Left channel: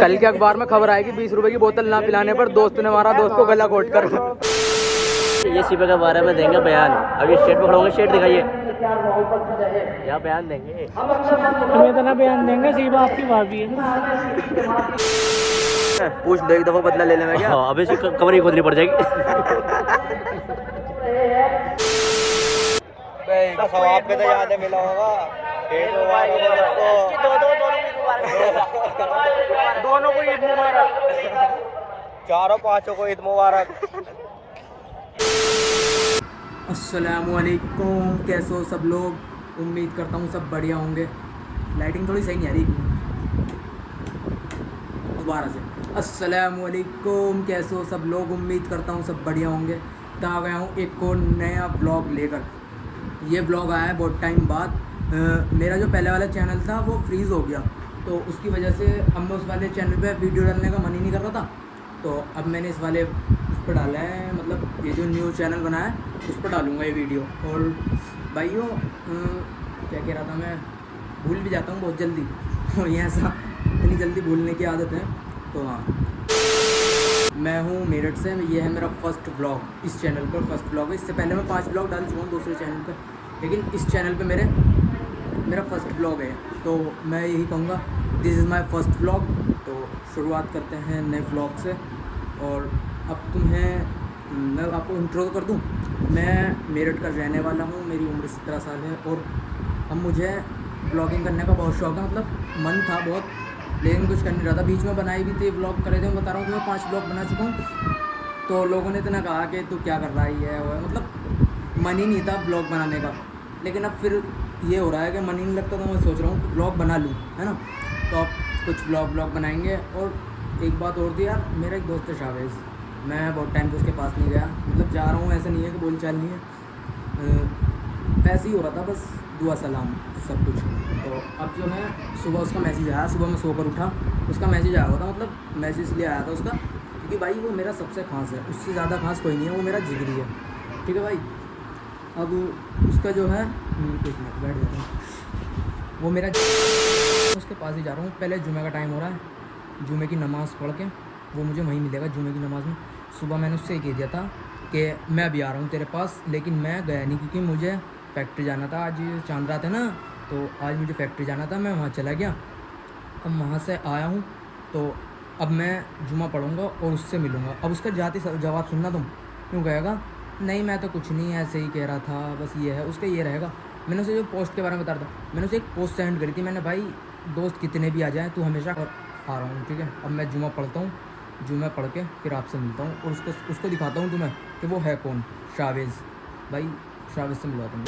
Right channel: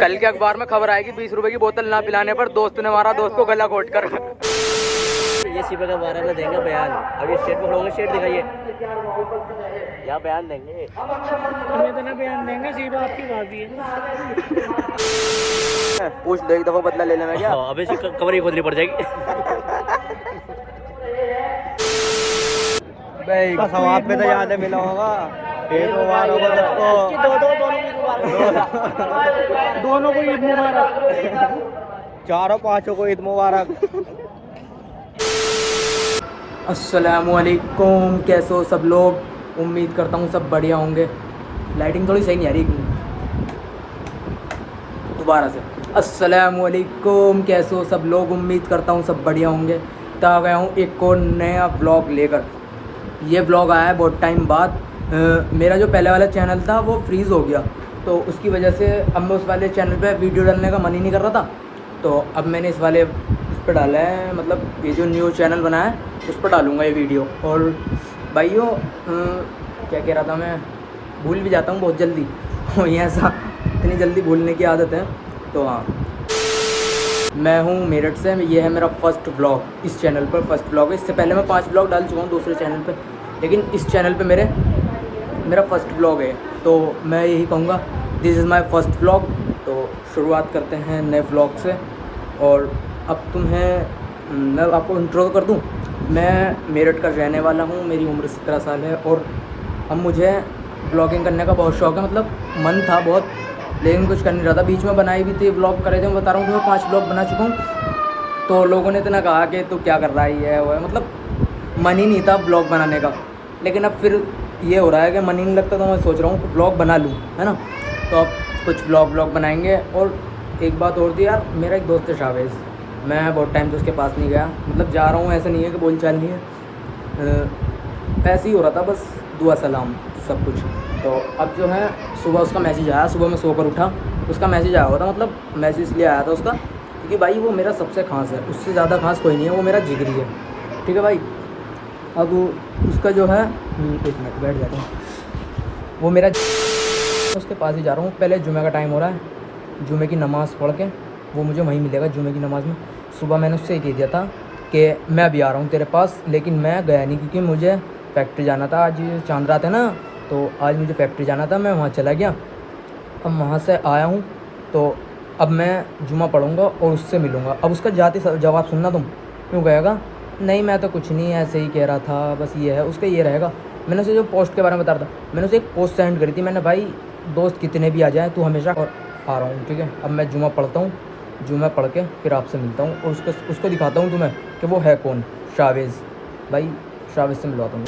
कल के अखबार में खबर आएगी 20 रुपए की बोतल ना पिलाने पर दोस्त ने मारा दोस्त को गला घोट कर। ये सीपे के बारे में देंगे बयान। अभी स्टेट पर खड़ोगे, स्टेट दिखाइए, क्या बयान देंगे? हमें तो ना बयान देंगे, सीपा आपकी भाभी है। पूछ लो एक दफा बदला ले लेना क्या? अब इसकी कमर ही खोदनी पड़ जाएगी। समाज में तो याद मिला होगा, दोनों को ईद मुबारक। चारों पांचों को ईद मुबारक। अस्सलामुअलैकुम, कैसे हो सब लोग? उम्मीद करता हूँ सब बढ़िया होंगे। लाइटिंग थोड़ी सही नहीं आ रही, दोबारा से। अस्सलामुअलैकुम, कैसे हो सब लोग? उम्मीद करता हूँ सब बढ़िया होंगे। तो आ गया हूँ एक और नया ब्लॉग लेकर। ये ब्लॉग आया है बहुत टाइम बाद। मेरा जो पहले वाला चैनल था वो फ्रीज़ हो गया, तो उसकी वजह से अब मैं उस वाले चैनल पे वीडियो डालने का मन ही नहीं कर रहा था। तो अब मैंने इस वाले उस पर डाला है, मतलब ये जो न्यू चैनल बना है उस पर डालूँगा ये वीडियो। और भाइयों, क्या कह रहा था मैं, भूल भी जाता हूँ बहुत जल्दी। और ये ऐसा इतनी जल्दी भूलने की आदत है। तो हाँ, मैं हूँ मेरठ से। ये है मेरा फर्स्ट ब्लॉग इस चैनल पर, फर्स्ट ब्लॉग है। इससे पहले मैं 5 ब्लॉग डाल चुका हूँ दूसरे चैनल पर, लेकिन इस चैनल पे मेरा फर्स्ट ब्लॉग है। तो मैं यही कहूँगा, this is my first blog. तो शुरुआत करते हैं नए ब्लॉग से। और अब मैं आपको इंट्रो कर दूँ। मैं मेरठ का रहने वाला हूँ, मेरी उम्र 17 साल है। और अब मुझे ब्लॉगिंग करने का बहुत शौक़ है, मतलब मन था बहुत, लेकिन कुछ कर नहीं रहा था। बीच में बनाई भी थी, ब्लॉग करे थे। मैं बता रहा हूँ कि मैं 5 ब्लॉग बना चुका हूँ। तो लोगों ने इतना कहा कि तू क्या कर रहा है, वो है, मतलब मन ही नहीं था ब्लॉग बनाने का। लेकिन अब फिर ये हो रहा है कि मन ही नहीं लगता, तो मैं सोच रहा हूँ कि ब्लॉग बना लूँ, है ना। तो अब कुछ ब्लॉग बनाएंगे। और एक बात और थी यार, मेरा एक दोस्त है शावेज़, मैं बहुत टाइम से उसके पास नहीं गया। मतलब जा रहा हूँ, ऐसा नहीं है कि बोलचाल नहीं है, ऐसे ही हो रहा था बस, दुआ सलाम सब कुछ। तो अब जो है, सुबह उसका मैसेज आया, सुबह मैं सोकर उठा, उसका मैसेज आया हुआ था। मतलब मैसेज इसलिए आया था उसका क्योंकि भाई वो मेरा सबसे खास है, उससे ज़्यादा खास कोई नहीं है, वो मेरा जिगरी है, ठीक है भाई। अब उसका जो है, एक मिनट बैठ जाता हूँ, वो मेरा, उसके पास ही जा रहा हूँ। पहले जुमे का टाइम हो रहा है, जुमे की नमाज़ पढ़ के वो मुझे वहीं मिलेगा जुमे की नमाज़ में। सुबह मैंने उससे कह दिया था कि मैं अभी आ रहा हूँ तेरे पास, लेकिन मैं गया नहीं क्योंकि मुझे फैक्ट्री जाना था। आज चांद रात है ना, तो आज मुझे फैक्ट्री जाना था, मैं वहाँ चला गया। अब वहाँ से आया हूँ, तो अब मैं जुमा पढ़ूँगा और उससे मिलूँगा। अब उसका जाती जवाब सुनना तुम, क्यों कहेगा नहीं मैं तो कुछ नहीं, ऐसे ही कह रहा था, बस ये है उसका, ये रहेगा। मैंने उसे जो पोस्ट के बारे में बता रहा था, मैंने उसे एक पोस्ट सेंड करी थी। मैंने, भाई दोस्त कितने भी आ जाए तू हमेशा, और आ रहा हूँ, ठीक है। अब मैं जुमा पढ़ता हूँ, जुमा पढ़ के फिर आपसे मिलता हूँ और उसको दिखाता हूँ तुम्हें कि वो है कौन, शावेज़। भाई शावेज़ से मिलवाता हूँ।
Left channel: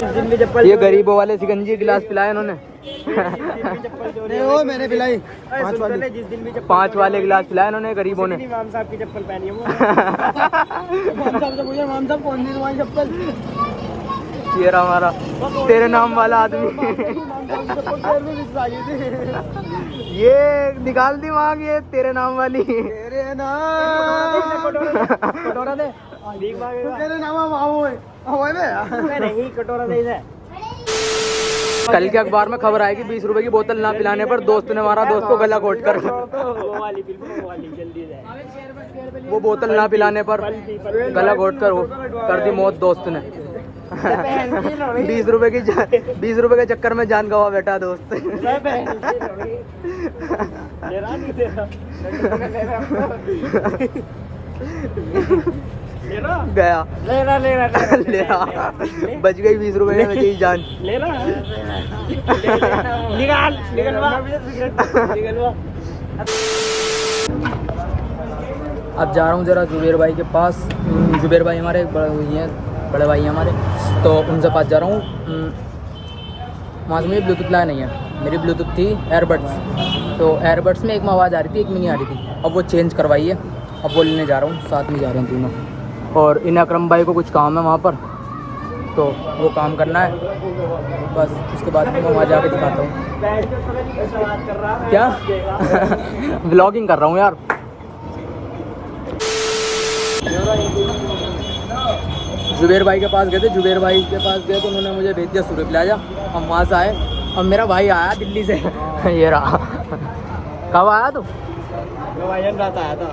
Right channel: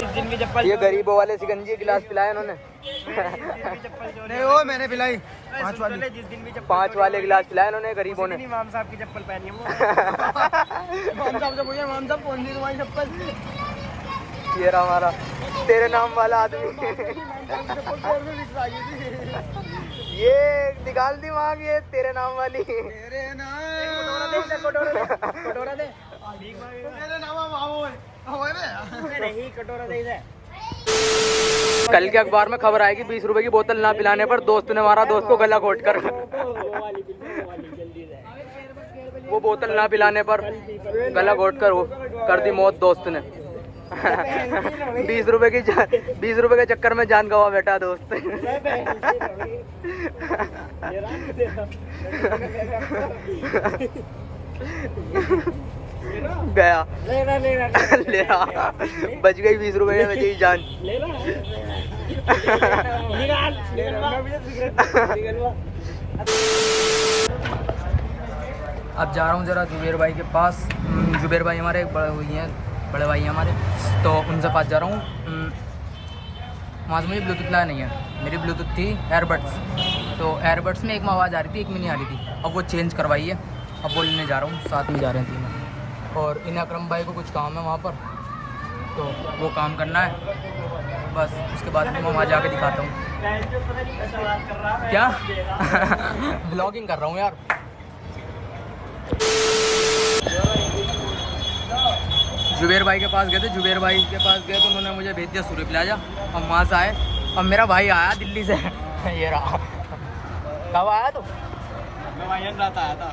ये गरीबों वाले सिकंजी गिलास पिलाए इन्होंने। नहीं वो मैंने पिलाई 5 वाले, जिस दिन भी 5 वाले गिलास पिलाए इन्होंने गरीबों ने। इमाम साहब की चप्पल पहनी है वो। इमाम साहब से पूछे, इमाम साहब कौन सी तुम्हारी चप्पल? तेरा हमारा, तेरे नाम वाला आदमी। ये निकाल दी मांग, ये तेरे नाम वाली, तेरे नाम कटोरा दे, तेरे नाम नहीं कटोरा दे इधर। कल के अखबार में खबर आएगी 20 रुपए की बोतल ना पिलाने पर दोस्त ने मारा दोस्त को गला घोट कर। वो बोतल ना पिलाने पर गला घोट कर दी मौत दोस्त ने। 20 रुपए के चक्कर में जान गवा बेटा दोस्त। गया ले रहा, बच गई 20 रुपए में बची जान। अब जा रहा हूँ ज़रा जुबेर भाई के पास। जुबेर भाई हमारे एक बड़े भाई हैं हमारे, तो उनसे पास जा रहा हूँ। वहाँ से मुझे ब्लूटूथ लाया नहीं है, मेरी ब्लूटूथ थी एयरबड्स, तो एयरबड्स में एक में आवाज़ आ रही थी, एक में नहीं आ रही थी। अब वो चेंज करवाई है, अब वो लेने जा रहा हूँ, साथ में जा रहे हैं तीनों। और इन अकरम भाई को कुछ काम है वहाँ पर, तो वो काम करना है बस। उसके बाद मैं वहाँ जाके दिखाता हूँ। क्या व्लॉगिंग कर रहा हूँ यार। जुबेर भाई के पास गए थे, जुबेर भाई के पास गए तो उन्होंने मुझे भेज दिया सूर्य प्लाजा। हम वहाँ से आए, अब मेरा भाई आया दिल्ली से। ये रहा कब आया तू? मैं भाईजान रात आया था।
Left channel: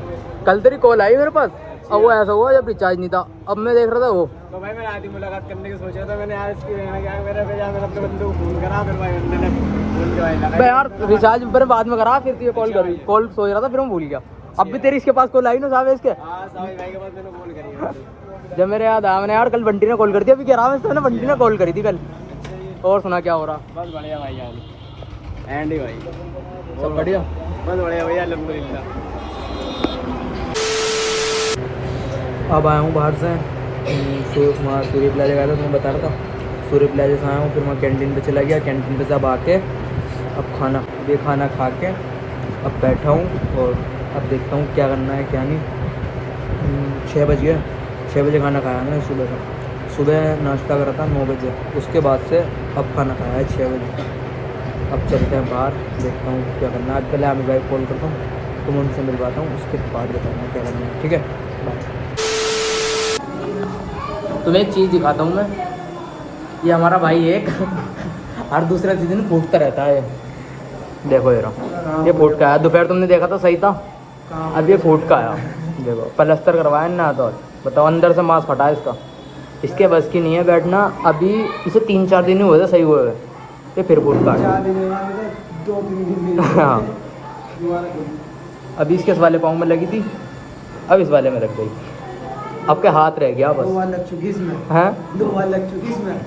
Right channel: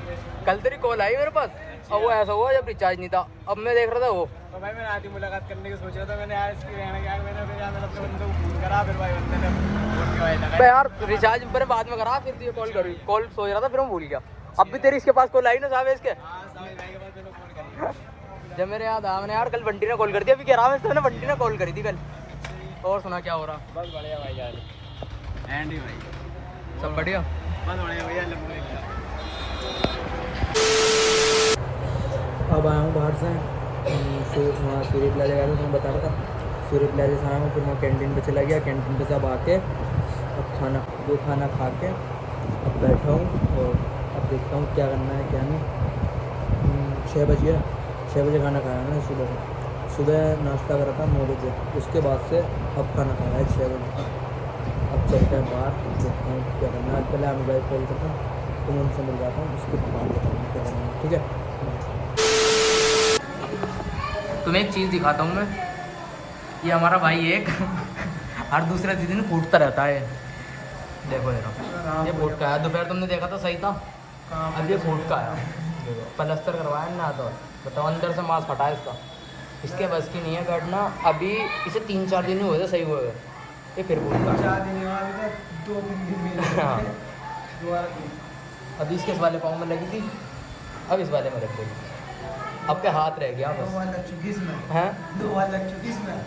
कल तेरी कॉल आई मेरे पास। अब वो ऐसा हुआ जब रिचार्ज नहीं था, अब मैं देख रहा था वो। तो भाई मैं रात ही मुलाकात करने की सोच रहा था, मैंने यार इसकी रहना क्या मेरा फिर यार मैंने अपने बंदे को फोन करा, फिर भाई बंदे ने फोन के भाई लगा यार रिचार्ज पर बाद में करा, फिर तुझे कॉल करी, कॉल सोच रहा था फिर मैं भूल गया। अब भी तेरी इसके पास कॉल आई ना साहब इसके। हाँ साहिल भाई के पास मैंने कॉल करी है। जब मेरे याद आया, मैंने यार कल बंटी ने कॉल कर दिया, अभी कह रहा हूँ मैंने बंटी ने कॉल करी थी कल। और सुना क्या हो रहा? बस बढ़िया भाई एंड ही भाई सब बढ़िया, बस बढ़िया भैया अल्हम्दुलिल्लाह। अब आया हूँ बाहर से, वहाँ सूर्य प्लाजा गया था, तुम्हें बता रहा था। सूर्य प्लाजा से आया हूँ, फिर वहाँ कैंटीन पे चला गया, कैंटीन पे से अब आके अब खाना खा के अब बैठा हूँ और अब देखता हूँ क्या करना है क्या नहीं। 6 बज गए, 6 बजे खाना खाया ना सुबह नाश्ता करा था 9 बजे, उसके बाद से अब खाना खाया है 6 बजे। अब चलते हैं बाहर, देखता हूँ क्या करना है। आज पहले आमिर भाई कॉल करता हूँ, तो मैं उनसे मिलवाता हूँ, उसके बाद बताऊँगा क्या करना है, ठीक है। तुम्हें एक चीज़ दिखाता हूँ मैं, ये हमारा भाई एक हर दूसरे दिन फूटता रहता है। देखो ये फूट का आया, दोपहर तुमने देखा था सही था, अब ये फूट का आया। देखो प्लास्टर करवाया ना, तो बताओ अंदर से मांस फटा है इसका, इसके बस की नहीं है बैठना। अभी इसे 3-4 दिन ही हुए थे सही हुए हुए, तो फिर फूट का आया। हाँ अभी इसके इस वाले पाँव में लगी थी, अब इस वाले में लग गई, आपके हाथ रह गया बस। 2 बार लग चुकी इसमें, हैं 2 बार लग चुकी इसमें,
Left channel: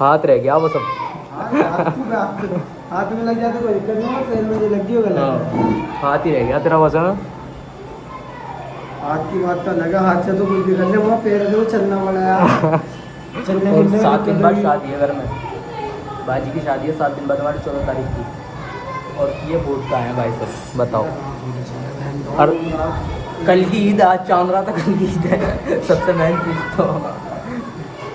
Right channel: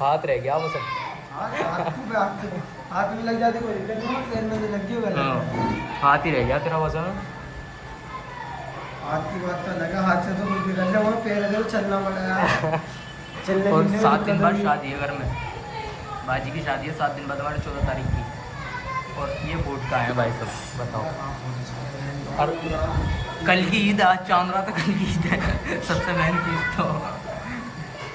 हाथ रह गया बस अब। हाथ में लग जाए तो दिक्कत नहीं है, पैर में लगी होगा। हाथ ही रह गया तेरा बस में। हाथ की बात तो लगा, हाथ से तो कुछ भी कर ले, वहाँ पैर से वो चलना पड़ा यार। और 7 दिन बाद शादी है घर में, बाजी की शादी है 7 दिन बाद हमारी 14 तारीख की, और ये वोट का है भाई साहब, बताओ। और कल की ईद, आज चांद रात था, कल की ईद है, सबसे मेन चीज़। तो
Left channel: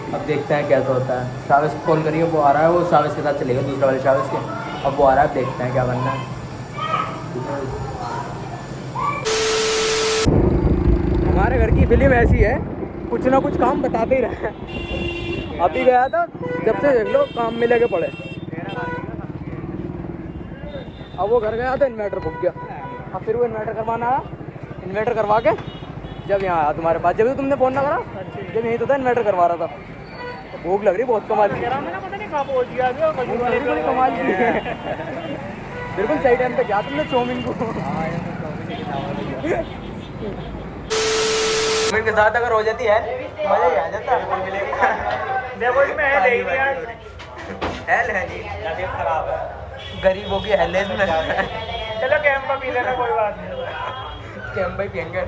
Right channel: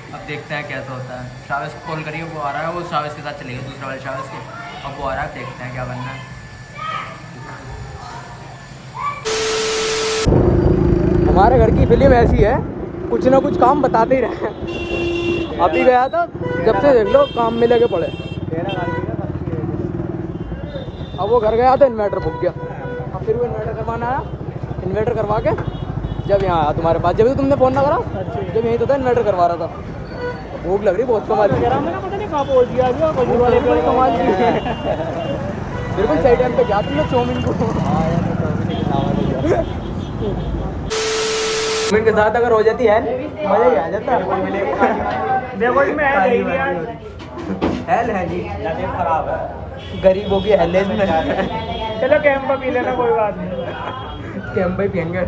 अब देखते हैं कैसा होता है। शावेज को कॉल करिए, वो आ रहा है, वो शावेज के साथ चलेगा, दूसरे वाले शावेज के। अब वो आ रहा है, देखते हैं क्या करना है। हमारे घर की फिल्म ऐसी है, कुछ ना कुछ काम बताते ही रहे। अभी गया था, जब से देख लो काम में लगे पड़े। अब वो घर गया तो इन्वर्टर फूक गया, अब फिर वो इन्वर्टर करवाना आया, इन्वर्टर करवा के जब यहाँ आया तुम्हारे पास, जब भी तुमने फ़ोन ना करा, जब यहीं तो था इन्वर्टर करवा रहा था। तो भूख लग रही बहुत कमाल की, बड़ी कमाल की है। बिल्कुल सही टाइम पे गया तुमने चाउमीन को। चाउमीन के साथ अगर हो जाती है मजा ही आ जाता है जी। गरीब होगी हेले में। चलो कैंप पी लेना, कोई बात नहीं। कैंप पे पियेंगे,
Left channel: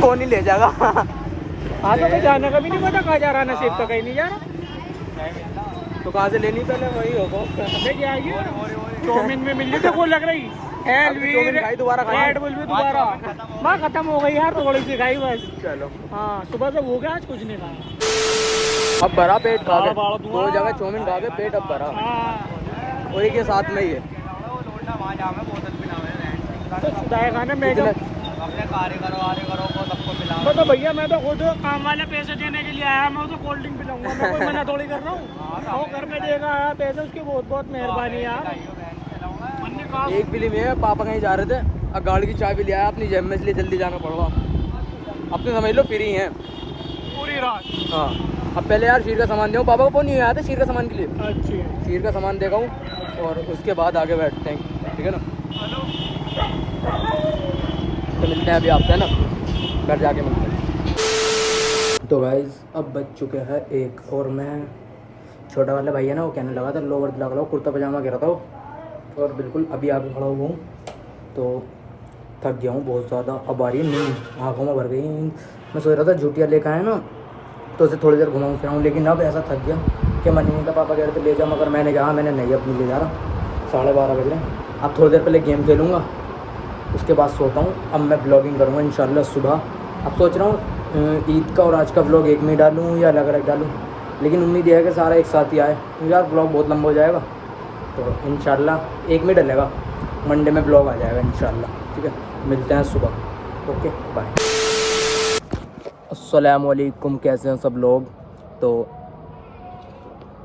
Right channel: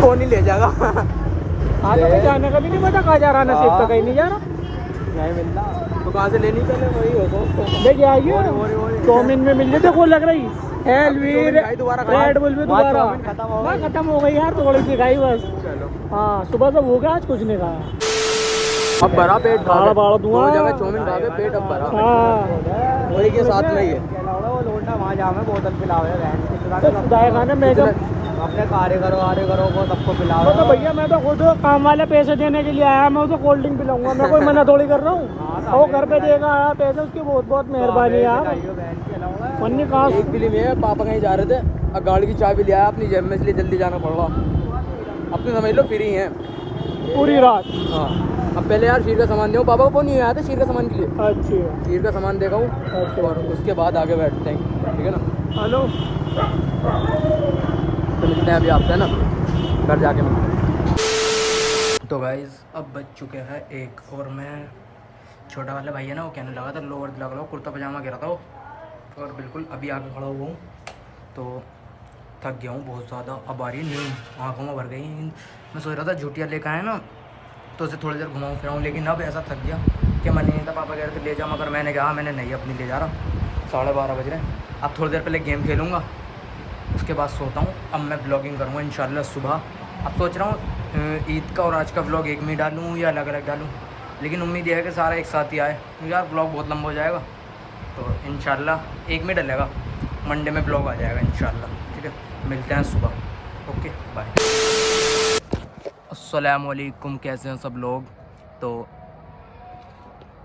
कौन ही ले जाएगा। आगे तो जाने का भी नहीं पता, कहाँ जा रहा नसीब, तो कहीं नहीं जा रहा। तो कहाँ से लेनी पहले वही होगा, लेके आइए। चाउमीन में मिल जाए को लग रही रेड बुल भी दोबारा माँ खत्म हो गई यार, थोड़ी सी खाई बस। चलो हाँ सुबह से भूखा, आज कुछ नहीं खाया। अब भरा पेट खा के, बाड़ा 2 जगह चाउमीन खा के पेट अब भरा, हाँ और एक ये साथ में ही है। तो खुदाए खाने में तो भैया मैं तो खुद काम वाले पैसे देने के लिए आया, मैं उसे कोल्ड ड्रिंक पिलाऊंगा, मैं कोई मना थोड़ी कर रहा हूँ। वो घर पे देगा आया पैसे, उसकी बहुत बहुत मेहरबानी यार। एक फिल्म है, पापा कहीं जा रहे थे, अब गाड़ी की चाबी ले आया अपनी जेब में, इसलिए जल्दी जाना पड़ रहा। अपने समझ लो फ्री हैं पूरी रात। हाँ अब पहले यार शीर का सामान दूँ, पापा को फोन नहीं आया था शीर का सामान के लिए। अच्छा शीर का सामान देगा हूँ, अच्छा। और उसके बाद आगे बैठते हैं, ठीक है ना। हेलो तो मिलते हैं अभी आपसे, है ना, घर जाके मिलते हैं। तो गाइज अब बज चुके हैं 1, और मैं छोटा वाला भाई है ना, वो कहने लगा था लोवर दिला लो, कुर्ता पजामा कह रहा था वो, और बिल्कुल अभी आके खड़ा हुआ हूँ, तो थक गया हूँ बहुत ज़्यादा। अब आ रही है नींद, आँखों में भर गई नींद। मैं सोच रहा था झूठिया लेकर आए ना, तो उसे थोड़ी देर घुमाऊँ फिराऊँ, लेकिन अब ऐसा थक गया कि मन नहीं था। पापा कह रहे थे ले जाओ, मगर मैंने कहा मैंने नहीं अपनी ले जा रहा, 12:30 बज रहे हैं। अब थोड़ी देर पहले गेम खेलूँगा, उसके बाद सोता हूँ। अब मैं ब्लॉगिंग करूँगा इंशाल्लाह सुबह। अब सोच रहा हूँ ईद का और आज का ब्लॉग एक में ही डालूँ या अलग अलग डालूँ, लेकिन उम्मीद है कि सारा एक साथ ही आए, यार ब्लॉग बहुत लंबा हो जाएगा, तो इंशाल्लाह एक में डलेगा, मंडे में ब्लॉग आ जाएगा इंशाल्लाह, ठीक है। मिलते हैं सुबह, ओके बाय। अस्सलाम वालेकुम, कैसे हैं सब लोग। तो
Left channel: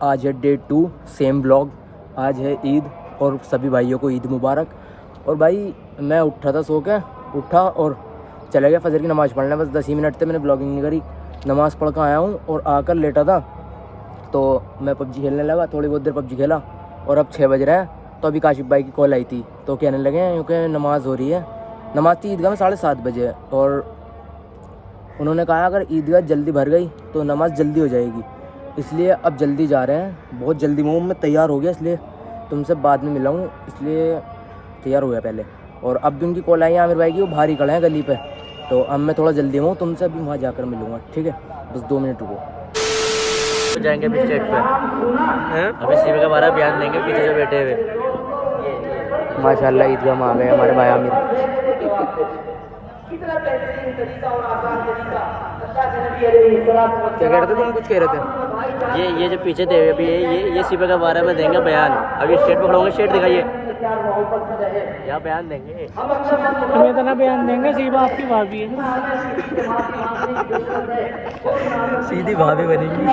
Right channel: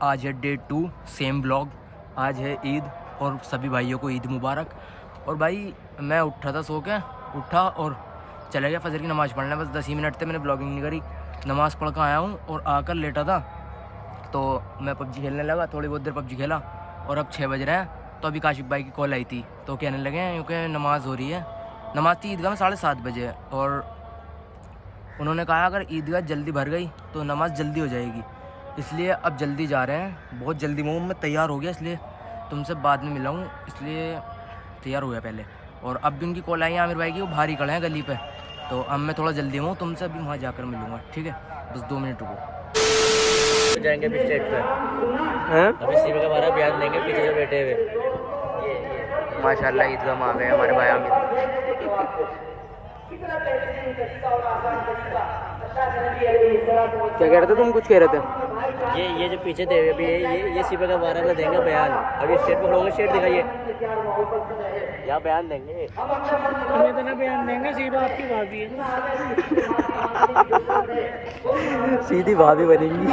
आज है डे 2, सेम ब्लॉग। आज है ईद और सभी भाइयों को ईद मुबारक। और भाई मैं उठा था, सो के उठा और चला गया फजर की नमाज़ पढ़ने। बस 10 ही मिनट थे, मैंने ब्लॉगिंग नहीं करी, नमाज़ पढ़ कर आया हूँ और आकर लेटा था तो मैं पबजी खेलने लगा। थोड़ी बहुत देर पबजी खेला और अब 6 बज रहे हैं। तो अभी काशिफ भाई की कॉल आई थी तो कहने लगे क्योंकि नमाज़ हो रही है, नमाज़ थी ईदगाह में 7:30 बजे, और उन्होंने कहा अगर ईदगाह जल्दी भर गई तो नमाज़ जल्दी हो जाएगी, इसलिए अब जल्दी जा रहे हैं, बहुत जल्दी। मैं तैयार हो गया, इसलिए तुमसे बाद में मिला हूँ, इसलिए तैयार हो गया पहले। और अब भी उनकी कॉल आई है आमिर भाई की, वो बाहर ही खड़े हैं गली पे, तो अब मैं थोड़ा जल्दी हूँ, तुमसे अभी वहाँ जाकर मिलूँगा, ठीक है? बस 2 मिनट रुको। तो जाएंगे अभी स्टेट पे, अभी सीबी का 12 बयान देंगे पीछे जो बैठे हुए। माशाल्लाह ईदगाह में आ गए हमारे भाई आमिर। क्या कह रहे थे तुम? कुछ कह रहे थे? ये जो पीछे थे अभी ये सीबी का 12 में देंगे बयान। अभी स्टेट पकड़ोगे, स्टेट दिखाइए, यहाँ बयान देंगे। हमें इतना बयान देंगे, सीबा आपकी भाभी है। सीधी भाभी बनेगी।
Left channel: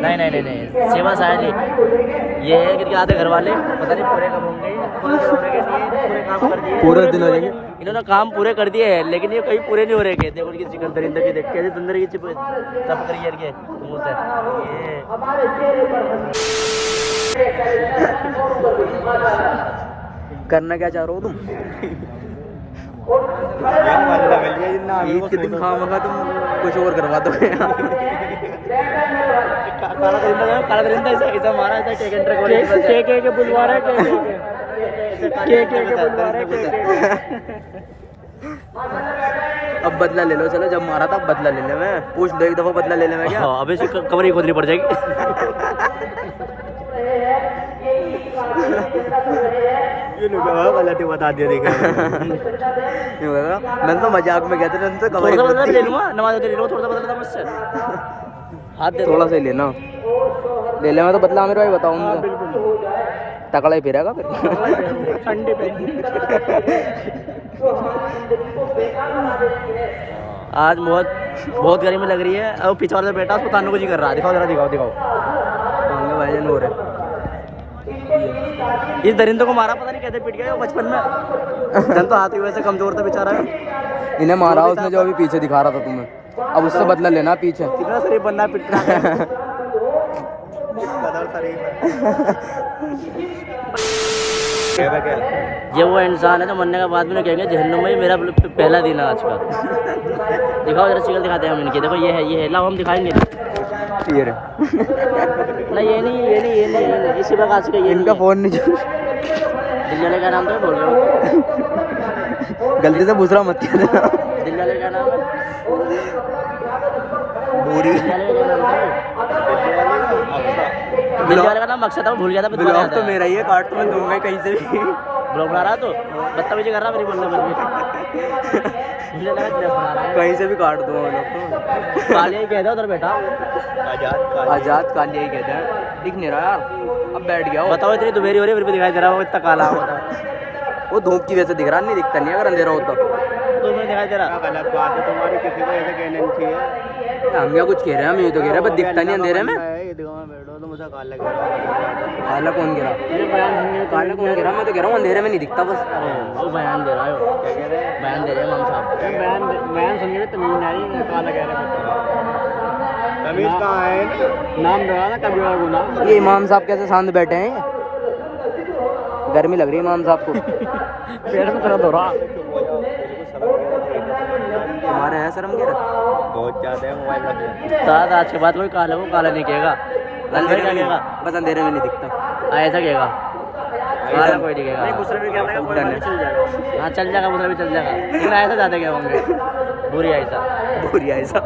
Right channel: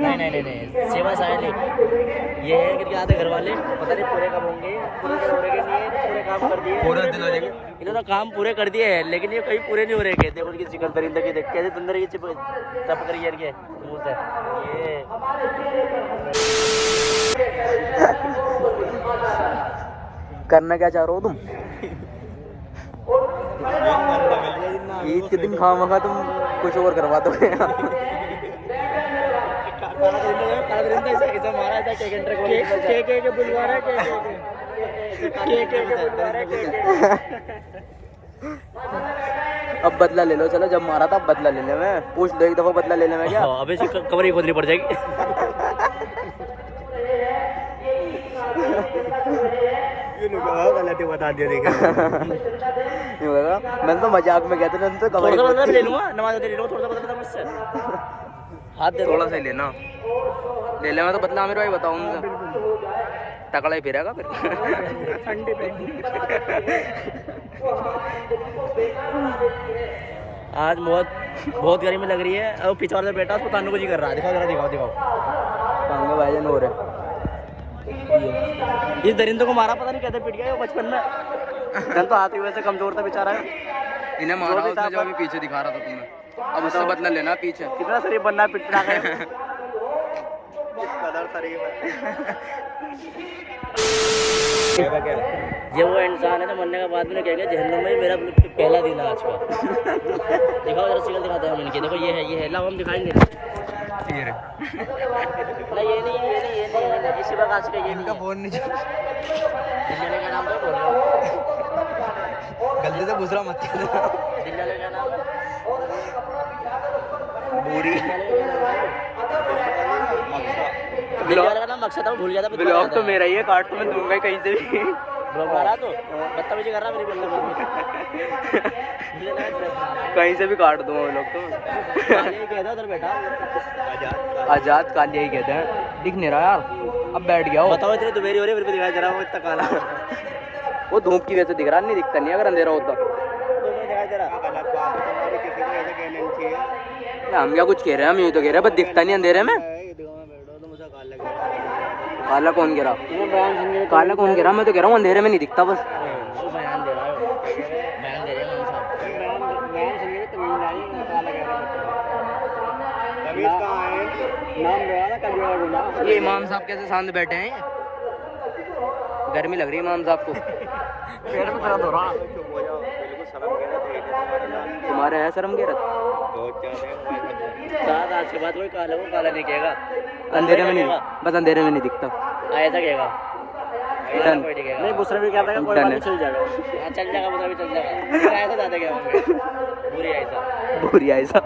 नहीं सेवा शायद ये है कि आधे घर वाले पता नहीं पूरे कब होंगे, पूरे काम कर दिए, पूरे दिन हो जाएंगे। इन्होंने काम पूरे कर दिए हैं लेकिन ये कहीं पूरे नहीं हो रहे। कहते उनकी चिकन दरिंदा की देख के अंदर ये चिप करियर के मुंह से करना क्या चाह रहे हो तुम? ईद के दिन खामखा तुम कुछ और करवा दो। काला दरिंदा ऐसा मारा ऐसा के बुलवा रहा है, के बुलवा रहा है। अब बदला ले लो, चलो जब मारा था अब बदला ले ले। मैं पूछ दो एक दफा बदला ले ले मैं क्या? अबे इसकी कमर ही खोदनी पड़ जाएगी। गलती बता दिया देखा। मैंने तो मजाक में कहते थे, थोड़ा सा बदला ले लूंगा, नमाज ले लूंगा, थोड़ा सा बदला मुझसे हाथ दे, थोड़ा सा ही लेना, ले ले। मैं तो बदला आमिर भाई बताऊँ तकड़ा ही फिरेगा फिर। संडे पे आज बहुत गर्मी लग रही है। अब पीछे वाला बेटा उसको तानने को जी कर रहा है। दिखाओ जरा, दिखाओ भाईजान हो रहे। इस दरिंदे को मारा पता नहीं कैसे पिट गया बचपन में। जन तो हाथ ही वैसे कमजोर था बेचारा। इन्हें मारा उसने जो अभी पीछे दिखा रहा था तुम्हें, अब उससे बदला लेना पीछे। कितना शरीफ बनना पिटना है। ये वो इंसान है जो मरने के बाद में कहेंगे जहन्नुम में मेरा पहला दिन है आज का। दिखाओ जरा शिकल दिखाते हैं हम इनकी। देखो ये है लाओ हम दिखाएंगे। ये रे। नहीं ये नहीं इसी प्रकार से ये इनका फोन नहीं दिल्ली वाले का नाम तो बोल रहा हूँ, गलती से दूसरा मत कर देना। दिल्ली वाले का नाम है पूरी। दिल्ली वाले का नाम मकसद था, भूल गया था। ब्लॉग तो मेरा ही है, काट तो मैं दूंगा कहीं से भी। ब्लॉग बना रहा तो बदतमीजी कर रहा मेरी बोलने में। मुझे लगा ट्रैप बना रहा है। कहीं से भी काट दूंगा वो लोग तो। कालिया ही कहता है उधर बेटा, आजाद कालिया ही कहते हैं। दिख नहीं रहा यार, अब बैठ गया हो। बताओ इतनी दोपहरी हो रही है फिर भी दिखाई दे रहा है, इतना काला होता। वो धूप की वजह से दिख रहा, नहीं दिखता नहीं अगर अंधेरा होता तो मैं दिखाई दे रहा। गलत बात है तुम्हारी, किसी को ऐसे कहना नहीं चाहिए। हम क्या कुछ कह रहे हैं? हम ये तो कह रहे हैं बस दिखता नहीं अंधेरे में। ईदगाह में बैठो तो मुझे काला लग रहा। काला कौन कह रहा? काला कौन कह रहा? मैं तो कह रहा हूँ अंधेरे में नहीं दिखता बस। वो बयान दे रहा है, बयान दे रहे हैं माम साहब। बयान सुनिए, तमीज नहीं, काला कह रहे तमीज कहाँ है? नाम दे रहा ना कभी गुना। ये इमाम साहब कैसे सामने बैठे हैं? गर्मी लग रही है इमाम साहब को। पेट में दर्द हो रहा। तुम्हारे हैं शर्म के रख? बहुत ज्यादा है मोबाइल में। साथ आज के बाद कोई काला को काला नहीं कहेगा, अंधेरे में कहेगा, बस अंधेरे में नहीं दिखता। ऐसा कहेगा, काला कोई नहीं कहेगा। गुस्से में क्या लगा, कोई बात नहीं, चल जाएगा। हाँ चल जाएगा, दूसरा भी चल जाएगा। लेकिन ऐसा ज्यादा क्या होंगे, बुरी ऐसा बुरी ऐसा।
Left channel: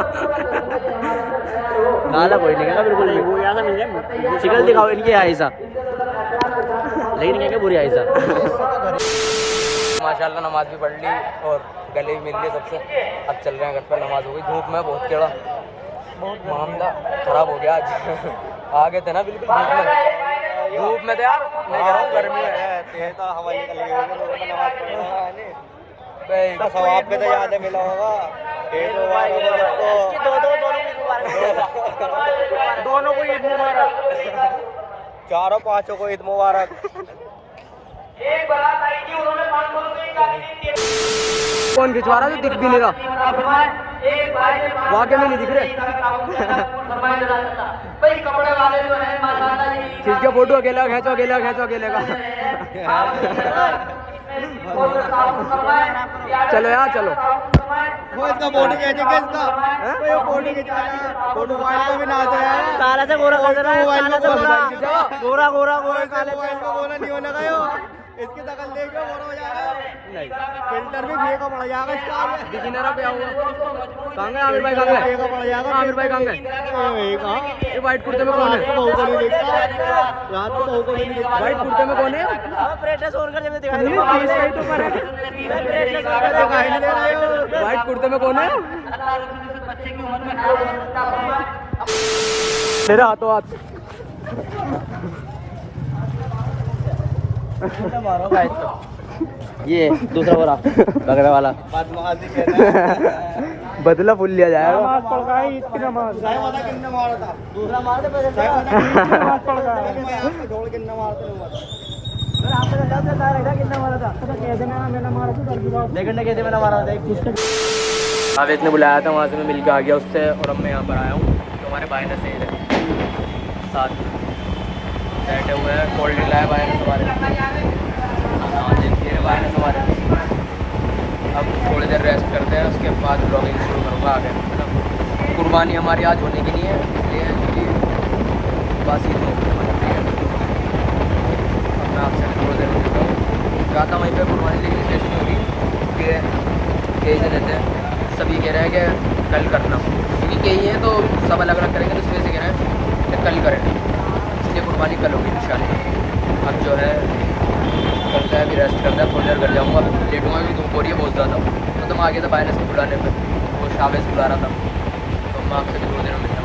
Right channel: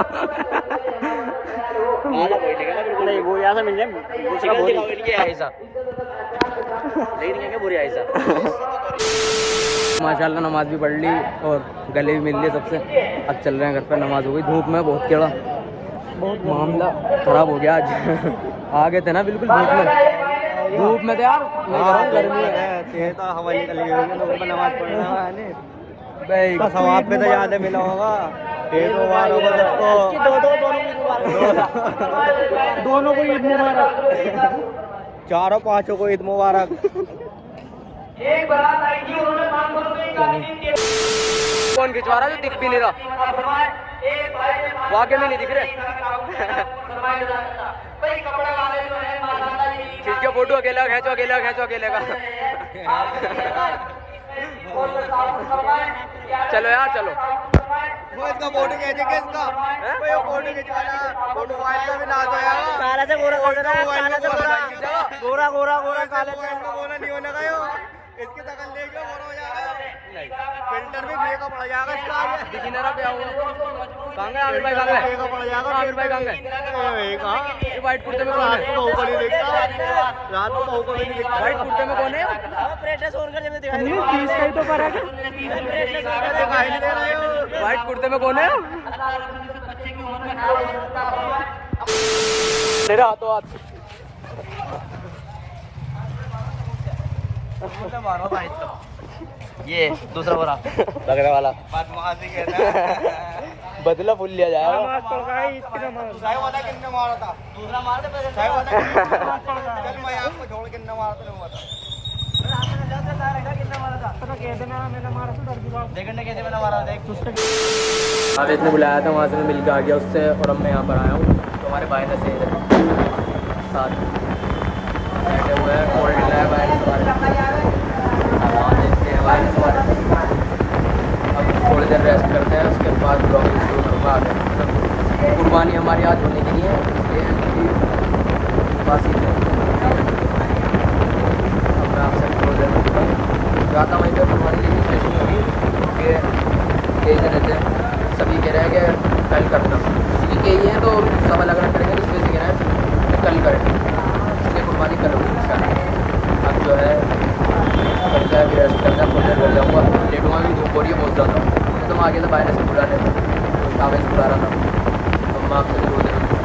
काला कोई नहीं कहेगा बिल्कुल भी। वो यहाँ से मिल जाए, शिकल दिखाओ इनकी ऐसा, लेकिन कहेंगे बुरी ऐसा। माशाल्लाह नमाज भी पढ़ ली और गले भी मिल लिए सबसे। अब चल रहे हैं घर पर, नमाज हो गई। धूप में बहुत टेढ़ा, बहुत मामला खराब हो गया आज। आ गए थे ना बिल्कुल धूप में तो यार मैं कह रहा हूँ गर्मी है तो हवा निकल गई, नमाज पढ़ना है भाई। तो सवाब में तो याद मिला होगा। इसकी दोनों को ईद मुबारक। दोनों को ईद मुबारक। चारों पांचों को ईद मुबारक। कौन खिंचवा रहा है जो दिख भी नहीं रहा? वाकई में नहीं दिख रहे। खींच के फोटो अकेला खींचो, अकेला खींचो, अकेले का। चलो यार चलो। वो इसका फोटो खींचेंगे इसका। वो फोटो खिंचाना, फोटो वाला भी ना आ जाए। काला से गोरा कर रहा है, काला से गोरा, गोरा गोरा गोरा काले से इनको गोरा नहीं होने का यो। इसकी शकल देख के गोरा हो जाएगा। नहीं, फिल्टर भी फेंका पड़ जाएगा इसका। दिख ही नहीं रहा क्या हुआ? कहाँ गए आमिर भाई, कहाँ गए? फेंका पड़ जाएगा। आमिर भाई कहाँ गए? ये व्हाइट कुर्ते में कौन है? बहू को नहीं देखता, रात को बहू को नहीं देखता। व्हाइट कुर्ते में कौन है? ब्राइटनेस ऑन कर जब दिखाई नहीं, 30 का ही तो फर्क है। ब्राइटनेस ऑन कर दिखाई नहीं दे रहा है। व्हाइट कुर्ते में कौन है? मेरे हाथों हाथ। मारो गाइस तो। ये दूसरा बोरा लगने वाला बदमाशी कहना है। बदला फुल लिया जाएगा। नमाज पढ़ रहा है, ईद की नमाज। कितने मारा था? दूसरा मार दे पहले। ईद की नमाज पढ़ रहा है। मैं आपको छोड़ कितने मारते हुआ था? तो कह देना मैंने मारा तो डर की बात। देखने कैसे मैंने मारा था? आवेश ने बुलाया था, वहाँ से मैं मिल के आ गया उससे, और अब मैं यहाँ पर आया हूँ। तो हमारे भाई ने सही है साथ बैठे हुए हैं, कोल्ड ड्रिंक लाए भाई ने अब थोड़ी देर रेस्ट करते हैं, उसके बाद ब्लॉगिंग शुरू करूँगा आगे, है ना। कुर्बानी हमारी आज होने के लिए है, इसलिए बस ये अब मैं आपसे थोड़ी देर में जुड़ा हूँ, जाता वहीं पर कुर्बानी, लेकिन स्टेशन होगी कि कई जने थे, सभी कह रहे हैं कि कल करना, इसी के ही हैं तो सब अलग अलग करेंगे, तो इसलिए से कह रहे हैं कि कल करें, इसलिए कुर्बानी कल होगी इंशाल्लाह। अब जो है करता है, रेस्ट करता है, थोड़ी देर घर जाऊँगा, लेटूँगा भी, धूप हो रही है बहुत ज़्यादा, तो मैं आ गया था भाई ने इसको बुलाने पर, वो शावेज बुला रहा था, तो मैं आपसे थोड़ी देर में मिलता हूँ।